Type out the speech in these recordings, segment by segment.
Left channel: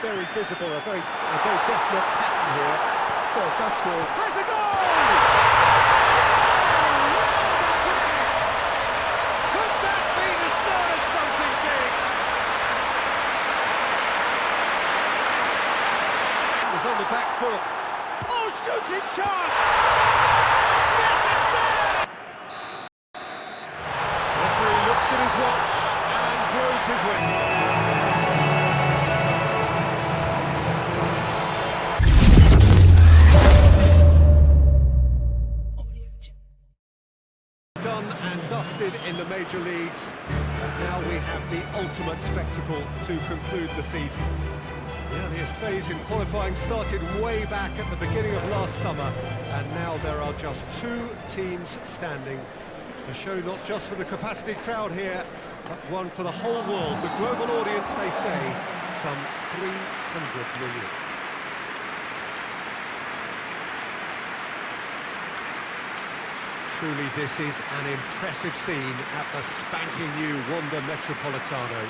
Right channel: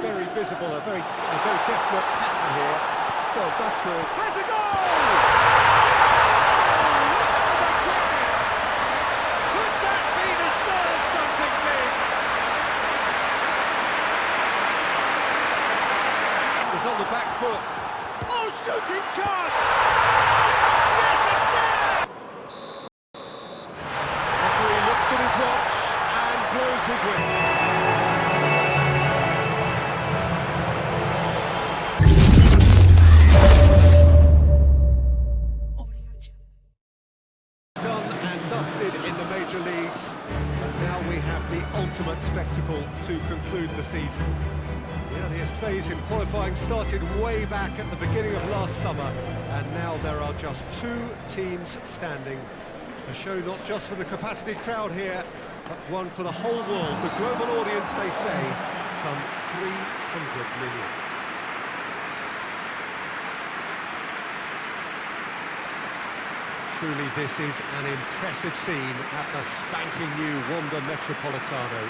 very visible, a very definite pattern here. Well, that's where... Has a goal! Real Madrid! Could that be the start of something big? He's on the back foot. Oh, shooting chance! Yes, it's there! Referee looks at his watch and blows his whistle. Done and dusted in the major leagues, but now we have the ultimate spectacle to conclude the season. The earliest phase in qualifying started way back at the beginning of last summer, and now there are just 2 teams standing. A show not just for the capacity crowd here, but one for the whole world. The global audience, they say, some 300 million. Truly, this is an impressive scene at the spanking new Wanda Metropolitano.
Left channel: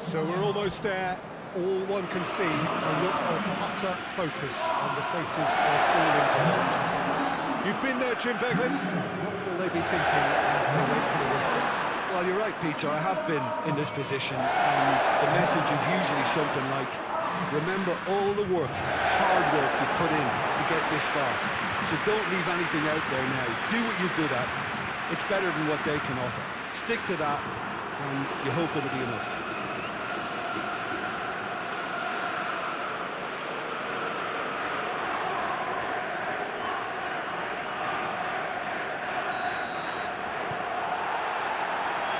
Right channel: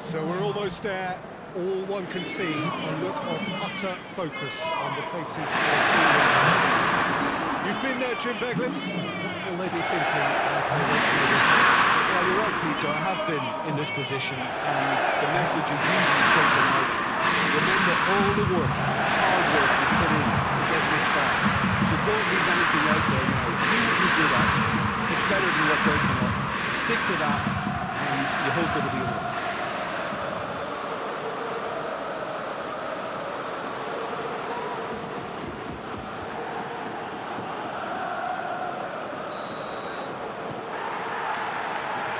So we're almost there. All one can see, a look of utter focus on the faces of all involved. You've been there, Jim Beglin. What will they be thinking as they wait for the whistle? Well, you're right, Peter, I have been in this position, and the message is usually something like, remember all the work, hard work you've put in to get this far. So don't leave anything out there now. Do what you're good at. It's better than what they can offer. Stick to that, and you hope it'll be enough.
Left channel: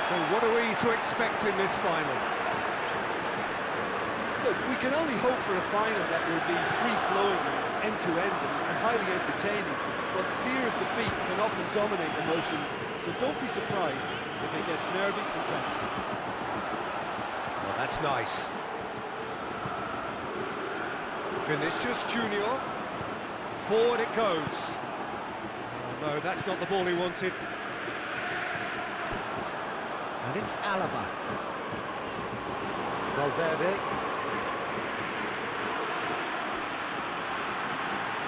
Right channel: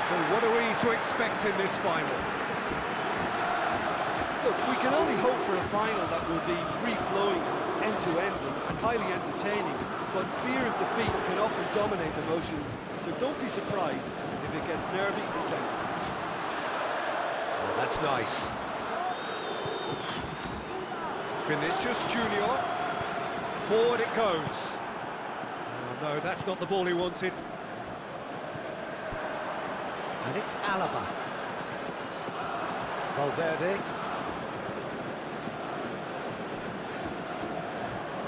So what are we to expect in this final? Look, we can only hope for a final that will be free-flowing and end-to-end and highly entertaining, but fear of defeat can often dominate emotions, so don't be surprised if it gets nervy and tense. Oh, that's nice. Vinicius Junior. Forward it goes. Oh, no, that's not the ball he wanted. And it's Alaba. Valverde.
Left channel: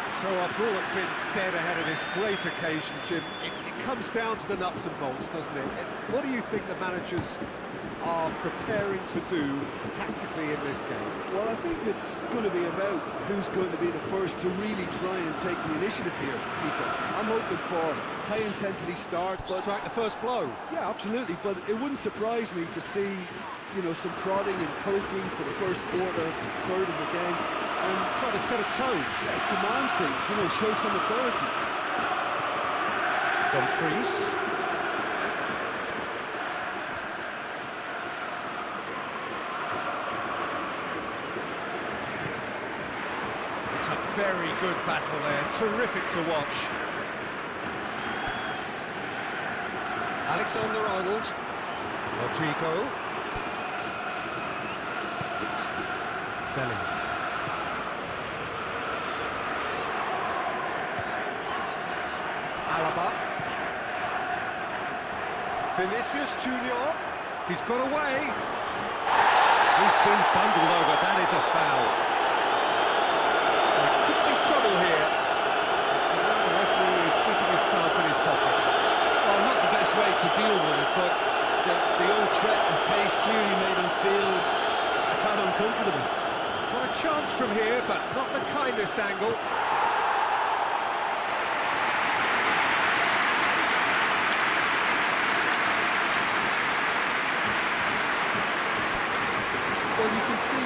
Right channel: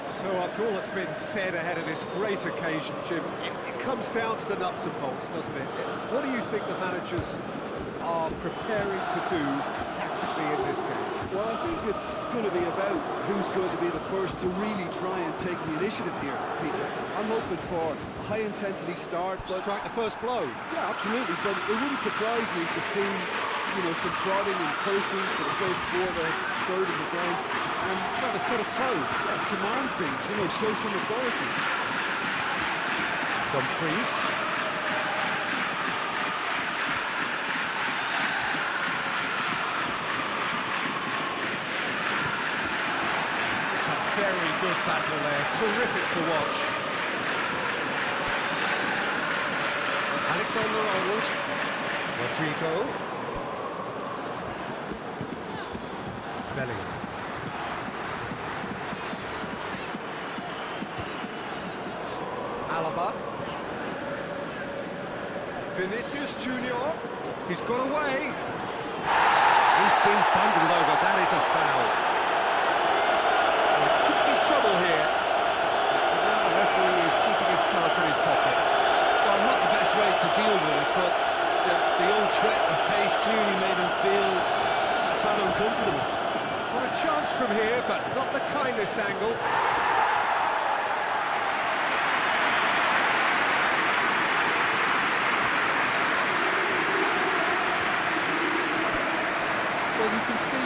So after all that's been said ahead of this great occasion, Jim, it comes down to the nuts and bolts, doesn't it? What do you think the managers are preparing to do tactically in this game? Well, I think it's going to be about who's going to be the first to really try and take the initiative here, Peter. I'm hoping for a high-intensity start, but... Strike the first blow. Yeah, absolutely, but it wouldn't surprise me to see, you know, some prodding and poking for the first quarter, third of the game, and try to set a tone. Yeah, command things, you know, show some authority. Dumfries. It's a very good battle there, terrific to watch. Alexander-Arnold, Rodrigo, Bellingham. Alaba. Vinicius Junior. He's got away. He's been bundled over. That is a foul. There could be trouble here. But for now, the referee is keeping his cards in his pocket. Well, not the best way to deal with it, but the old threat of pace clearly made him feel a tad uncomfortable. He's got a chance from here, but not the kindest angle. Well, you can see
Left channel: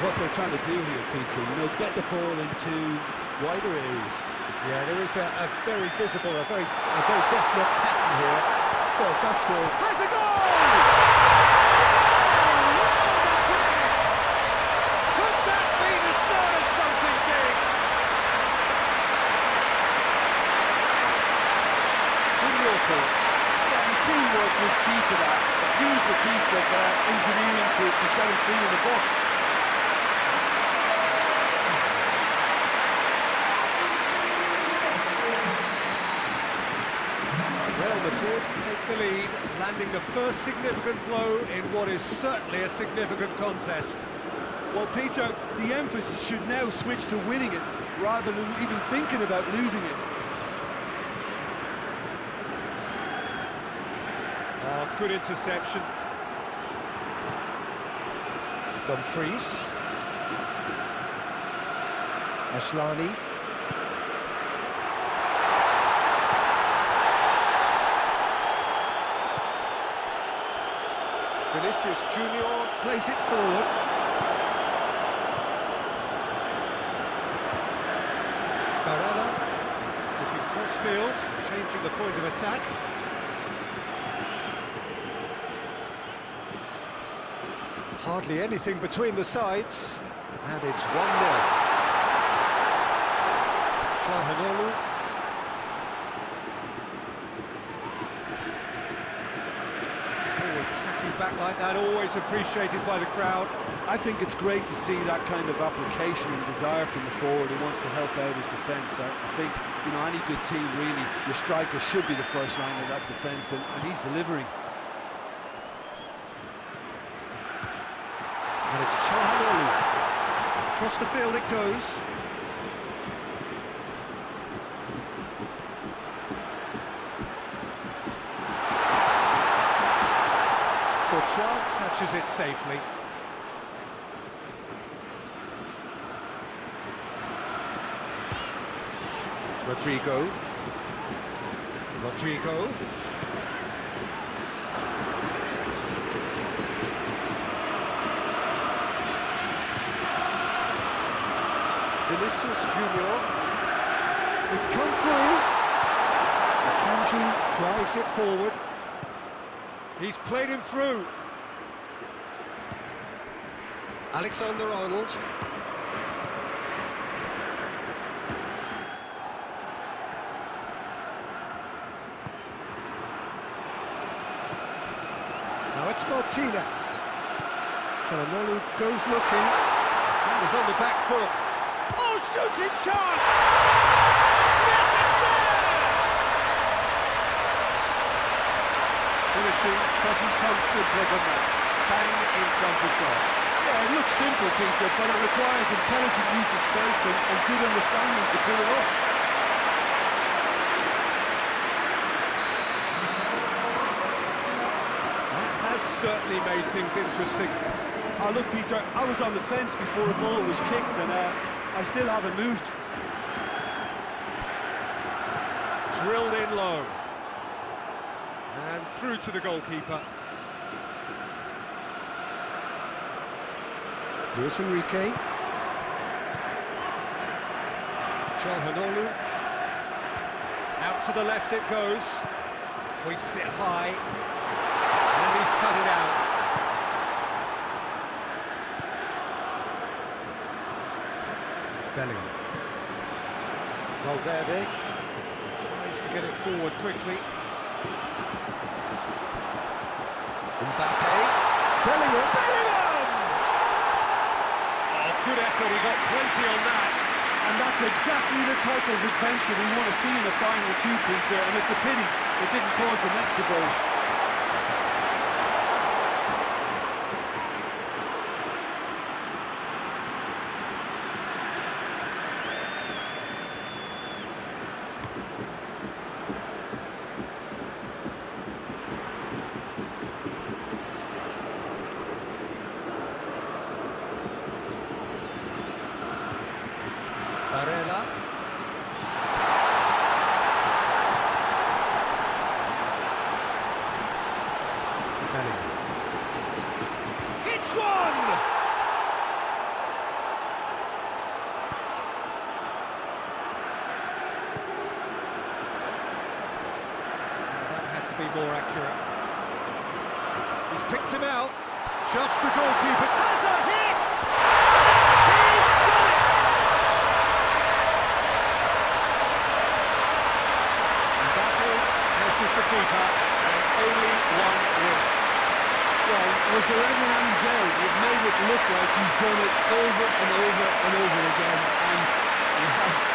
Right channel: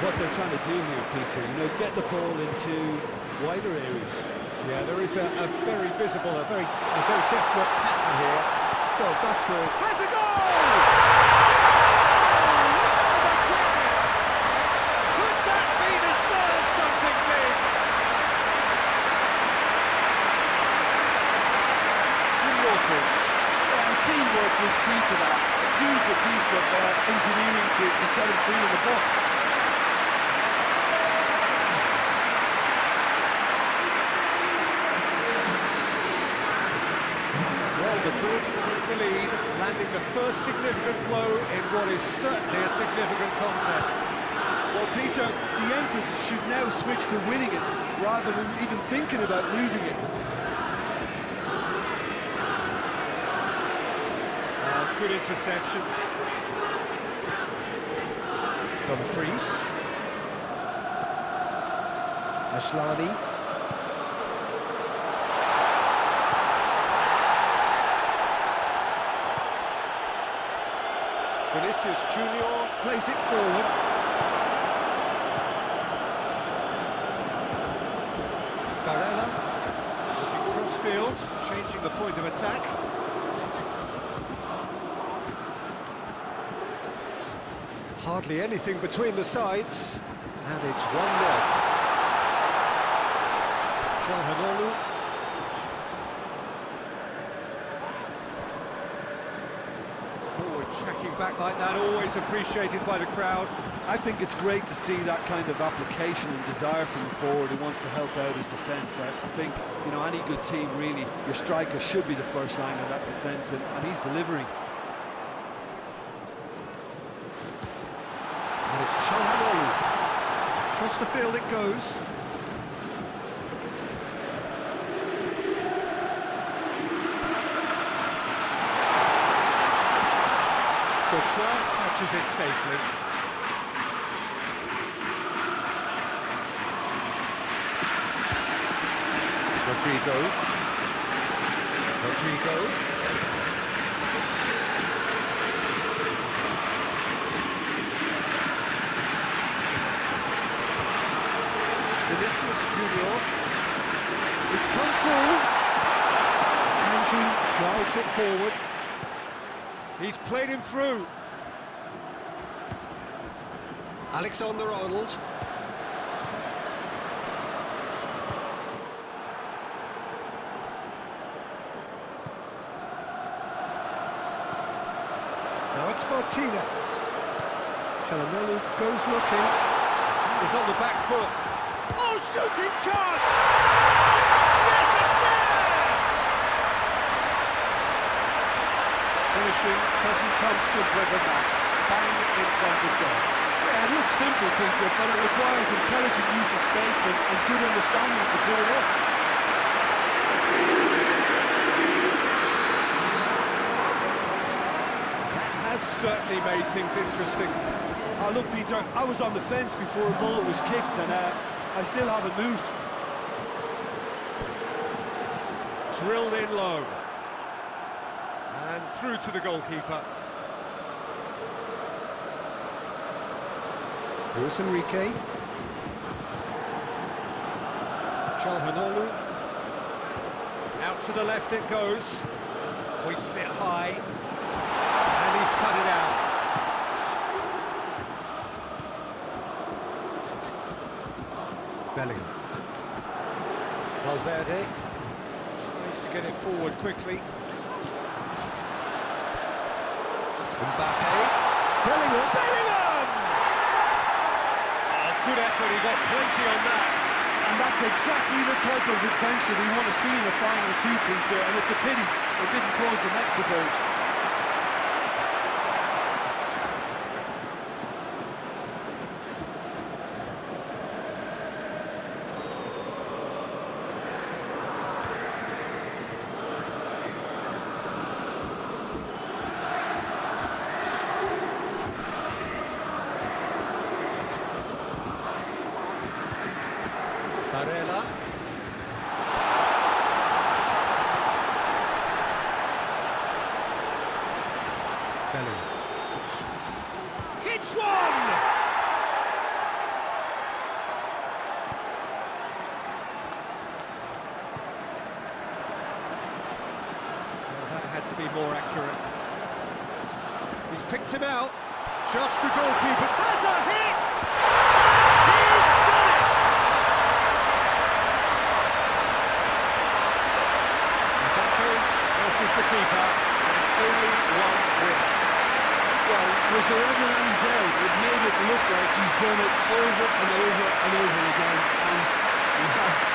what they're trying to do here, Peter. You know, get the ball into wider areas. Yeah, there is a very visible, a very definite pattern here. Well, that's where... Has a goal! Real Madrid! Could that be the start of something big? Jim, your thoughts? Yeah, and teamwork was key to that. A beautiful piece of engineering to set him free in the box. Real Madrid take the lead, landing the first significant blow in what is certainly a significant contest. Well, Peter, the emphasis should now switch to winning it, rather than even thinking about losing it. Good interception. Dumfries. Ashlani. Vinicius Junior plays it forward. Barella looking cross-field, changing the point of attack. Hardly anything between the sides, and it's 1-0. Calhanoglu. Forward tracking back like that, always appreciated by the crowd. I think it's great to see that kind of application and desire from a forward who wants to help out his defence. I think, you know, any good team, really, your striker should be the first line of that defence, and he's delivering. And it's Calhanoglu. Across the field it goes. Courtois catches it safely. Rodrigo. Vinicius Junior. It's come through. Akanji drives it forward. He's played him through. Alexander-Arnold. Now it's Martinez. Calhanoglu goes looking. Fingers on the back foot. Oh, shooting chance! Yes, it's there! Finishing doesn't come simpler than that. Bang in front of goal. Yeah, it looks simple, Peter, but it requires intelligent use of space and good understanding to pull it off. That has certainly made things interesting. Oh, look, Peter, I was on the fence before a ball was kicked, and I still haven't moved. Drilled in low. And through to the goalkeeper. Luis Enrique. Calhanoglu. Out to the left it goes. Hoists it high. And he's cut it out. Bellingham. Valverde tries to get it forward quickly. Mbappe. Bellingham! Oh, good effort, he got plenty on that. And that's exactly the type of adventure we want to see in a final two, Peter, and it's a pity it didn't cause the net to bulge. Barella. Bellingham. Hit It's one! Well, that had to be more accurate. He's picked him out. Just the goalkeeper has a hit! And he's done it! Mbappe versus the keeper, and only one winner. Well, was there ever any doubt? It made it look like he's done it over and over and over again, and he has.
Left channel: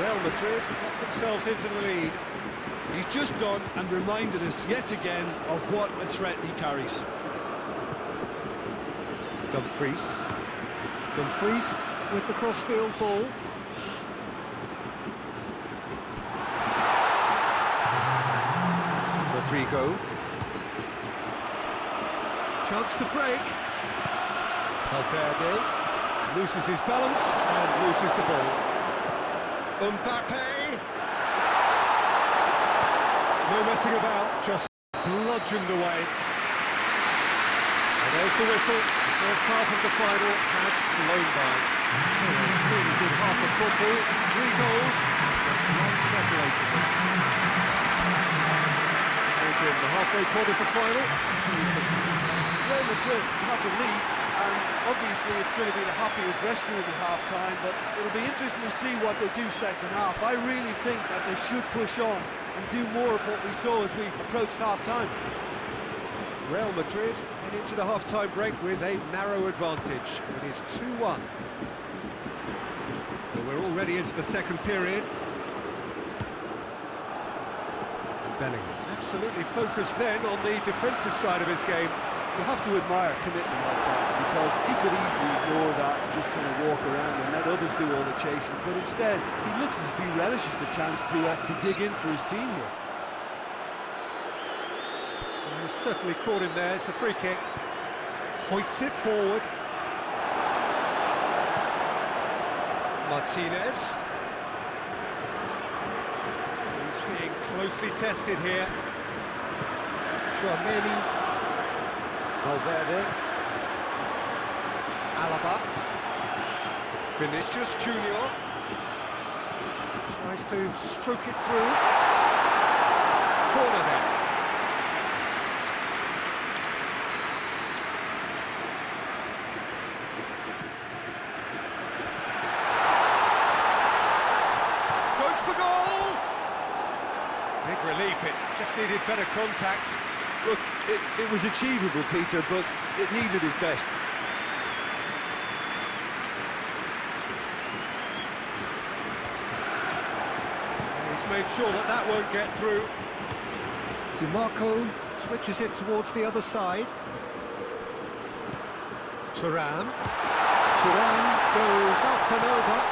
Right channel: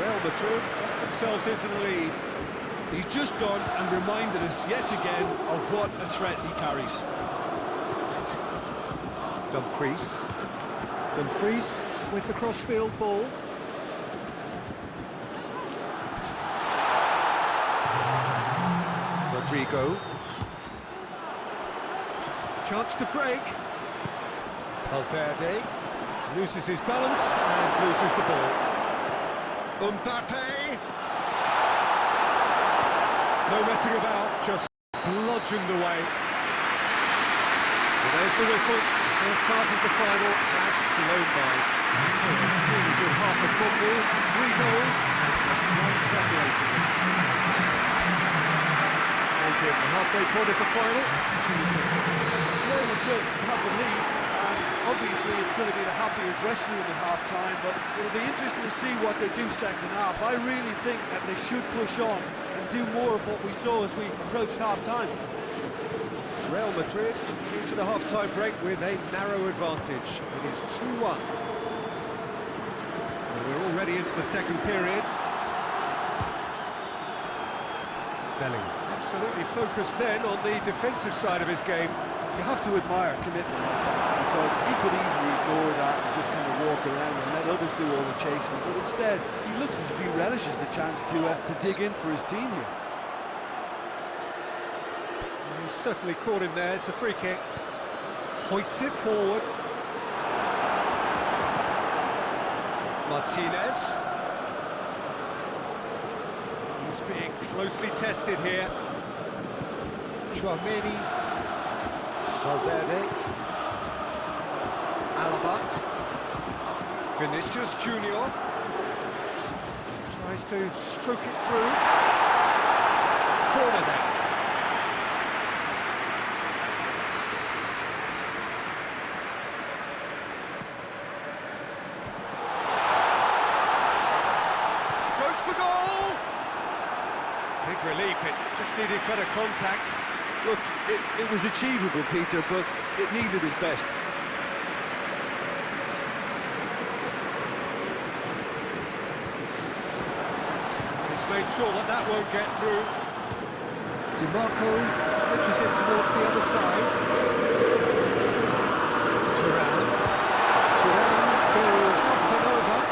Real Madrid get themselves into the lead. He's just gone and reminded us yet again of what a threat he carries. Dumfries with the crossfield ball. Rodrigo. Chance to break. Valverde loses his balance and loses the ball. Mbappe. No messing about, just bludgeoned away. And there's the whistle. The first half of the final has flown by. So a really good half of football, 3 goals, and just one separating them. Well, Jim, the halfway point of the final. Real Madrid have the lead, and obviously it's going to be the happier dressing room at half-time, but it'll be interesting to see what they do second half. I really think that they should push on and do more of what we saw as we approached half-time. Real Madrid head into the half-time break with a narrow advantage. It is 2-1. So we're already into the second period. Bellingham absolutely focused then on the defensive side of his game. You have to admire commitment like that, because he could easily ignore that and just kind of walk around and let others do all the chasing, but instead he looks as if he relishes the chance to dig in for his team here. Well, he's certainly caught him there. It's a free kick. Hoists it forward. Martinez. He's being closely tested here. Tchouaméni. Valverde. Alaba. Vinicius Junior. Tries to stroke it through. Corner then. Goes for goal! Big relief, it just needed better contact. Look, it was achievable, Peter, but it needed his best. He's made sure that that won't get through. DiMarco switches it towards the other side. Turan goes up and over.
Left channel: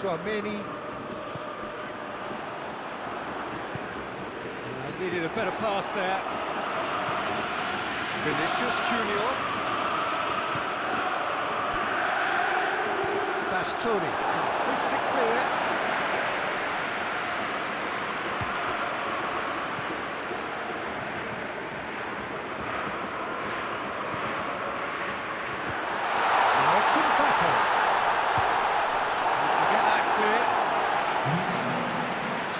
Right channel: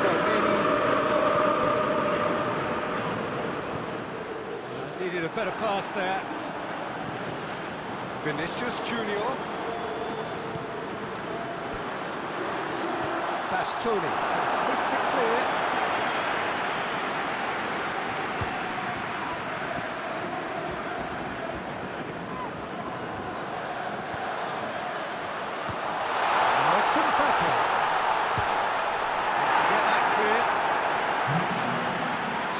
Tchouaméni. Needed a better pass there. Vinicius Junior. Bastoni can hoist it clear. Now it's Mbappe. Get that clear.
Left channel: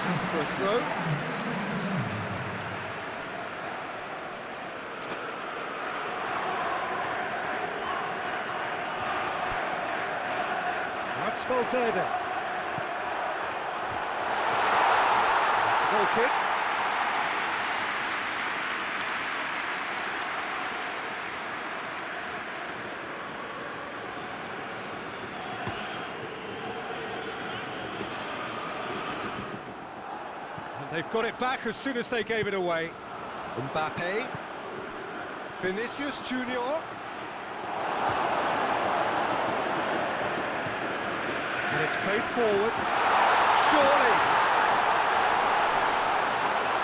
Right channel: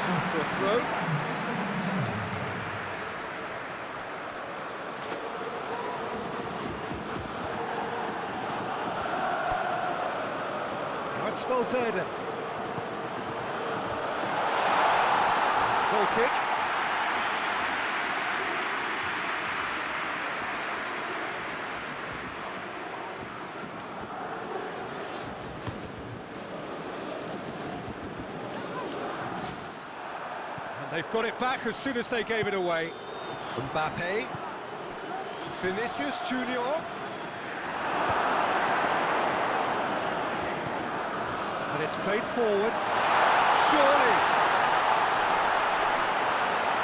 Out for a throw. That's Valverde. It's a goal kick. And they've got it back as soon as they gave it away. Mbappe. Vinicius Junior. And it's played forward. Surely.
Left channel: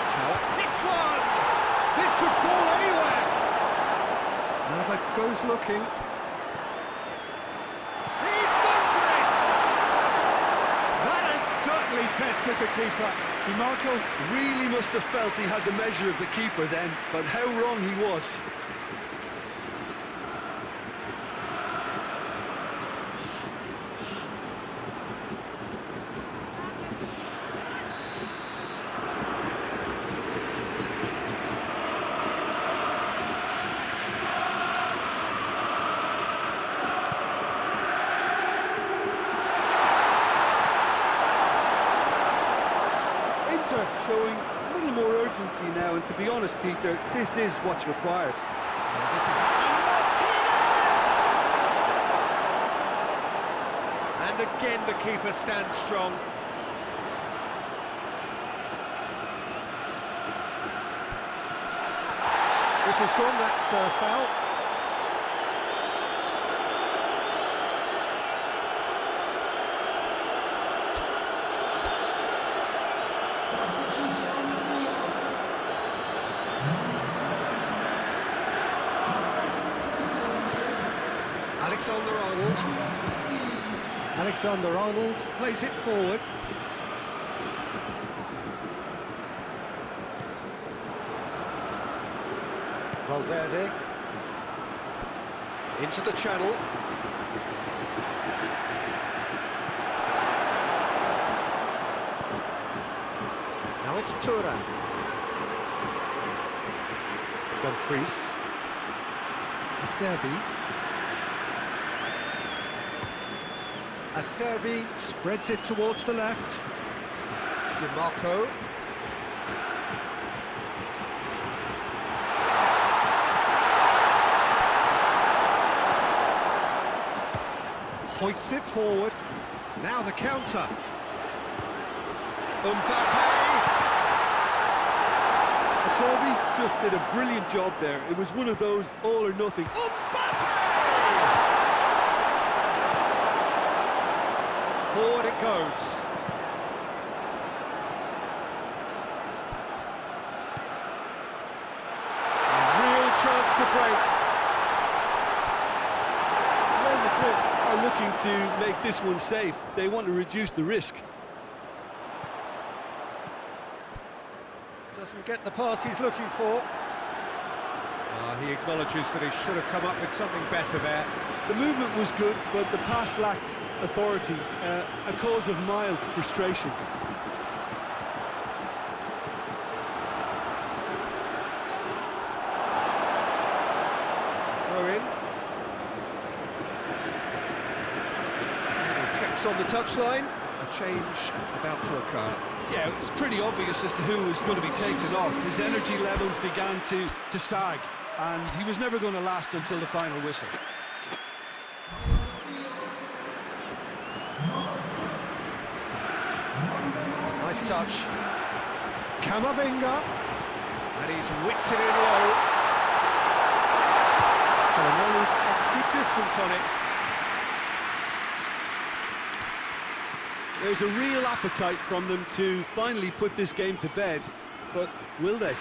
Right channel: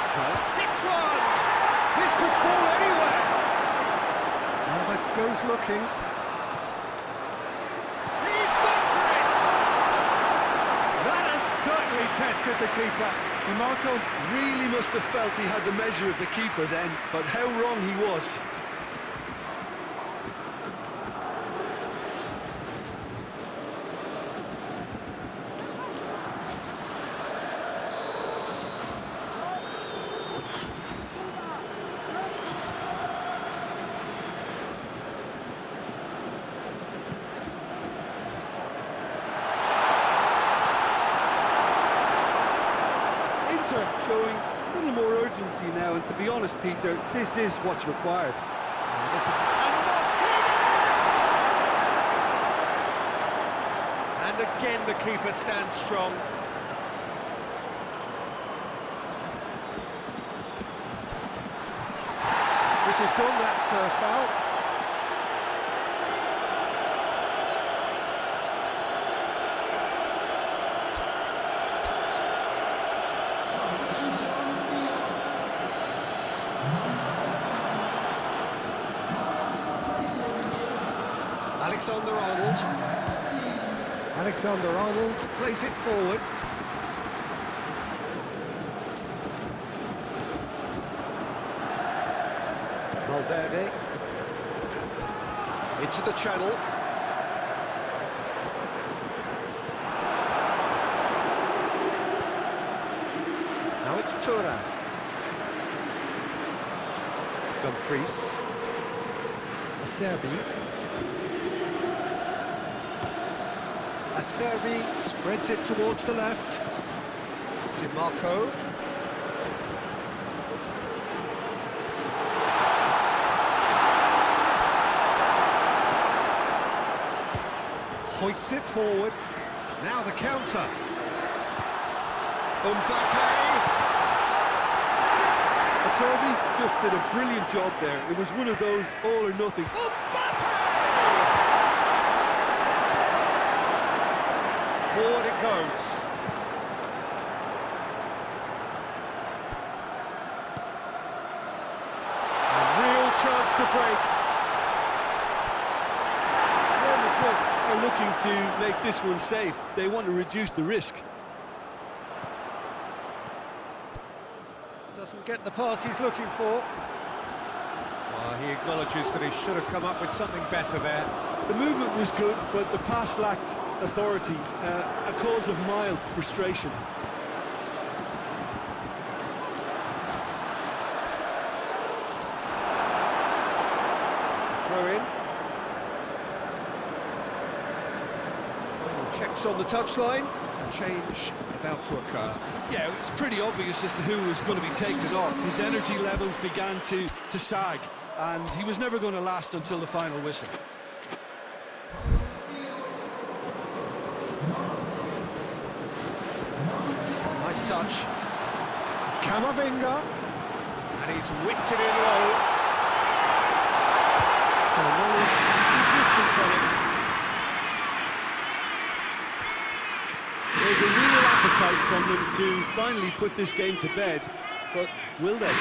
Chala hits one! This could fall anywhere! Alaba goes looking. He's gone for it! That has certainly tested the keeper. DiMarco really must have felt he had the measure of the keeper then, but how wrong he was. Inter showing a little more urgency now, and to be honest, Peter, this is what's required. This is Martinez! And again the keeper stands strong. This is gone, that's foul. Alexander-Arnold. Alexander-Arnold plays it forward. Valverde. Into the channel. Now it's Tura. Dumfries. Acerbi. Acerbi spreads it towards the left. DiMarco. Hoists it forward. Now the counter. Mbappe! Acerbi just did a brilliant job there. It was one of those all or nothing. Mbappe! Forward it goes. A real chance to break. Real Madrid are looking to make this one safe. They want to reduce the risk. Doesn't get the pass he's looking for. He acknowledges that he should have come up with something better there. The movement was good, but the pass lacked authority, a cause of mild frustration. It's a throw-in. Final checks on the touchline. A change about to occur. Yeah, it's pretty obvious as to who was going to be taken off. His energy levels began to sag, and he was never going to last until the final whistle. Nice touch. Camavinga. And he's whipped it in low. Chalanolu has good distance on it. There's a real appetite from them to finally put this game to bed, but will they?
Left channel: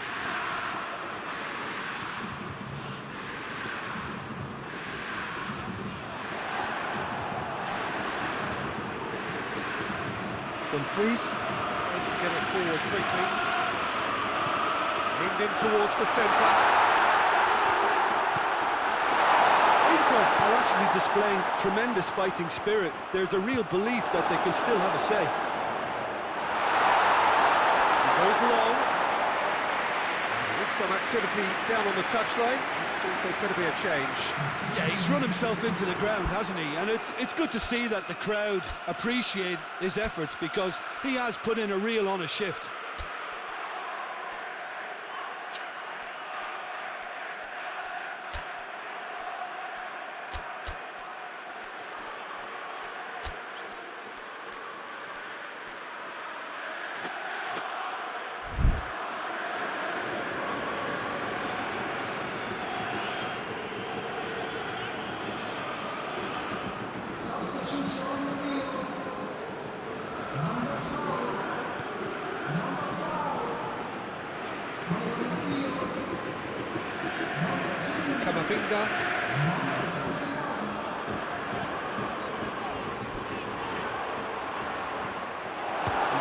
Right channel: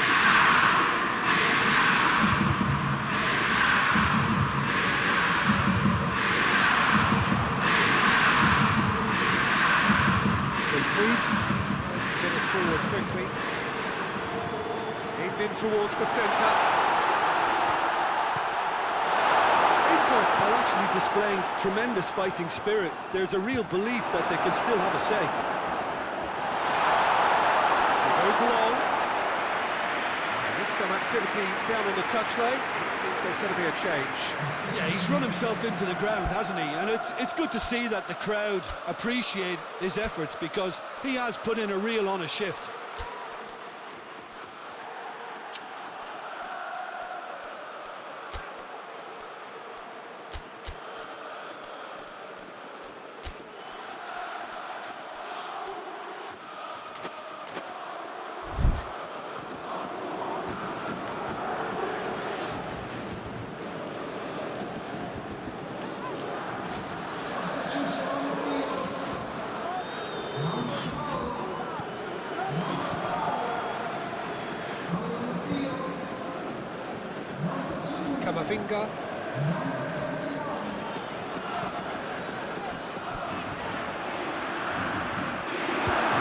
Dumfries tries to get it forward quickly. Aimed in towards the centre. Inter are actually displaying tremendous fighting spirit. There's a real belief that they can still have a say. He goes long. There's some activity down on the touchline. It seems there's going to be a change. Yeah, he's run himself into the ground, hasn't he? And it's good to see that the crowd appreciate his efforts, because he has put in a real honest shift. Camavinga.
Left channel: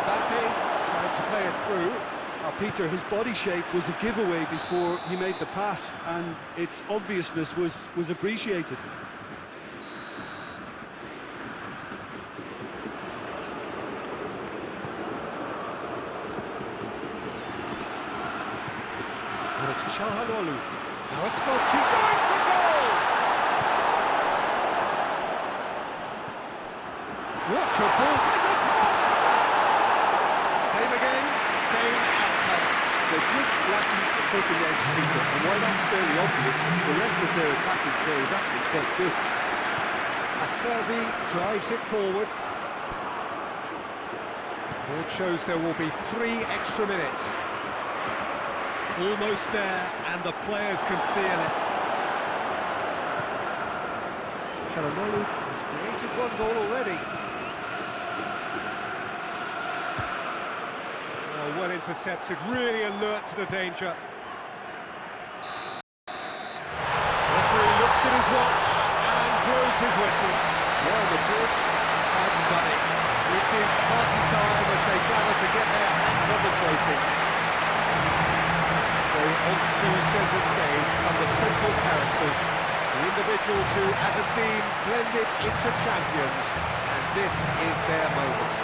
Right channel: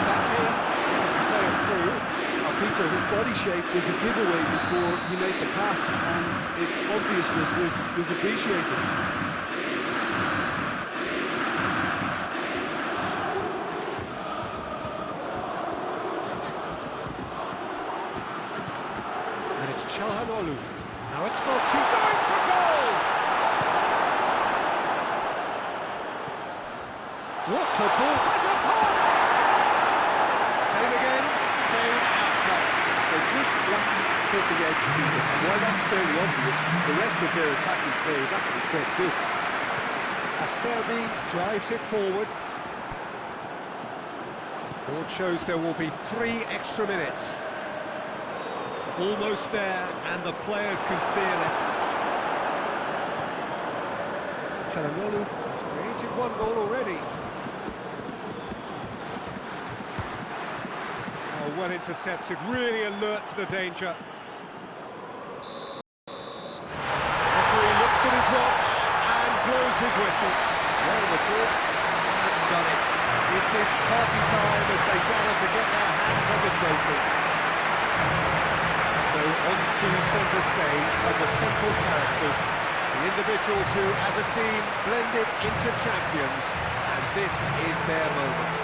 Mbappe trying to play it through. Peter, his body shape was a giveaway before he made the pass, and its obviousness was appreciated. And it's Çalhanoğlu. Now it's Motti going for goal! What a ball! Has a pop! Same again, same outcome. They're just lacking the cutting edge, Peter, and while that's fairly obvious, the rest of their attacking play is actually quite good. Acerbi drives it forward. Board shows there will be 3 extra minutes. Almost there, and the players can feel it. Çalhanoğlu has created 1 goal already. Oh, well intercepted, really alert to the danger. Referee looks at his watch and blows his whistle. Real Madrid have done it. It is party time as they gather to get their hands on the trophy. So onto centre stage come the central characters, the individuals who, as a team, blended into champions, and this is their moment.